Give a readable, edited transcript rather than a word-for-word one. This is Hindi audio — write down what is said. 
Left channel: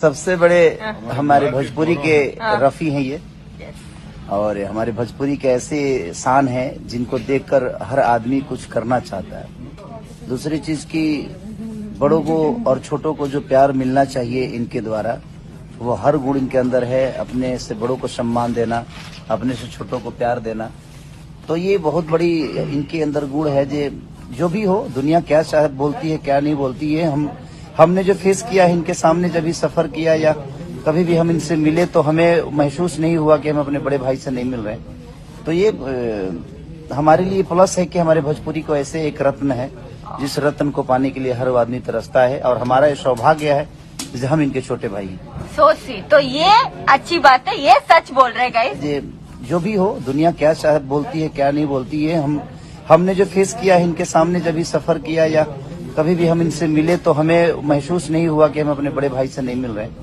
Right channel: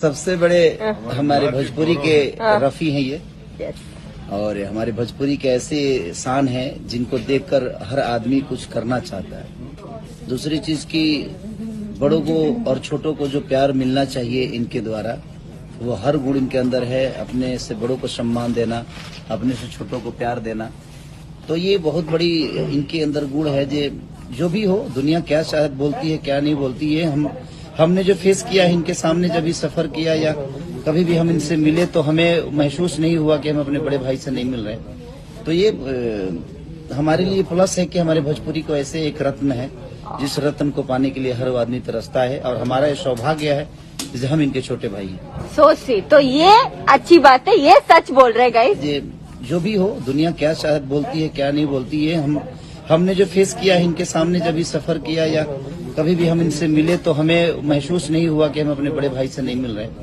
सबसे बड़े हमारे भोजपुरी के रफी हैं ये, और हमारे भोजपुरी के ऐसे शान हैं जिनको देखकर हर आदमी कुछ करना चाहता है। दूसरी चीज की बड़ों को और छोटों को जो प्यार मिलना चाहिए इनके द्वारा, वो हर गुण इनके अंदर है। अपने से बड़ों को सम्मान देना, अपने से छोटों को प्यार देना, तो ये बहुत बड़ी इनके अंदर गुण है। जो भी हो, दुनिया क्या चाहे बोलती है क्या नहीं बोलती है, हमने जो फेस किया है इनके सामने, जब भी सफर किया या कभी भी हम इनसे मिले तो हमें महसूस नहीं हुआ कि हम अपने बड़े भाई से नहीं मिल रहे। तो ये हमारे लिए प्लस है कि हमारे भोजपुरी को ऐसे एक रत्न है जिस रत्न को पाने के लिए हर आदमी तरसता है, और हमारा ये सौभाग्य है कि हम इनके छोटे भाई हैं। सोचिए, तो ये अच्छी बात है, ये सच बोल रहे गाइस। जो भी हो, दुनिया क्या चाहे बोलती है क्या नहीं बोलती है, हमने जो फेस किया है इनके सामने, जब भी सफर किया या कभी भी हम इनसे मिले तो हमें महसूस नहीं हुआ कि हम अपने बड़े भाई से नहीं मिल रहे।